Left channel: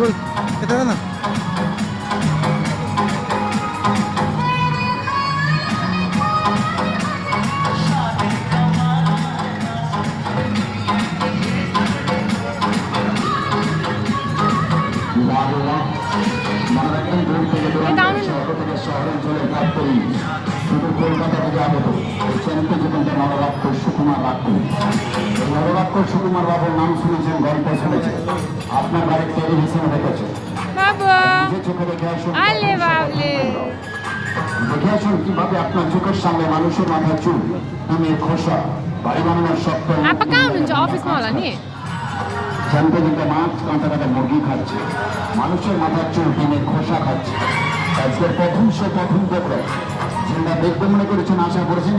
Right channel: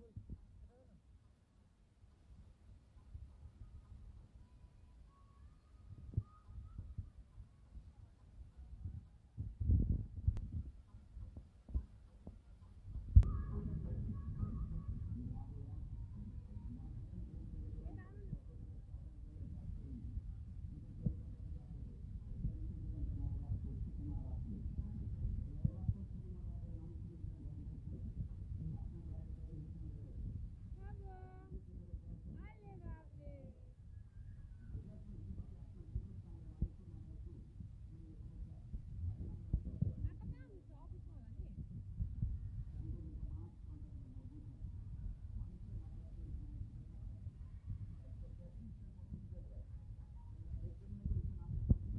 বল এটা না কলকাতা থেকে আগত চ্যানেলটি জীবনটা নরলাক্ষর সুকুমার লাক্ষু। এই নরলাক্ষর সুকুমার বাবুর নাম শুনেছেন, গল্প শুনেছেন, আপনার বাড়ির টেলিভিশনে দেখেছে। নিজে চোখে দেখে আসুন, দেখে আসুন কিভাবে আপনার চোখের সামনে মানুষের মাথার চুল, ডিমের খোসা, বাড়ি বানানোর শক্ত জানতে জানতে মাছ, কাঁটা কাঁটা মুরগি খাচ্ছে, মানুষের মাথার চুল, ডিমের খোসা খাচ্ছে। আজকের প্রথম দেখলেন, যেটা দেখতে মনে করেছেন, আশা করেছেন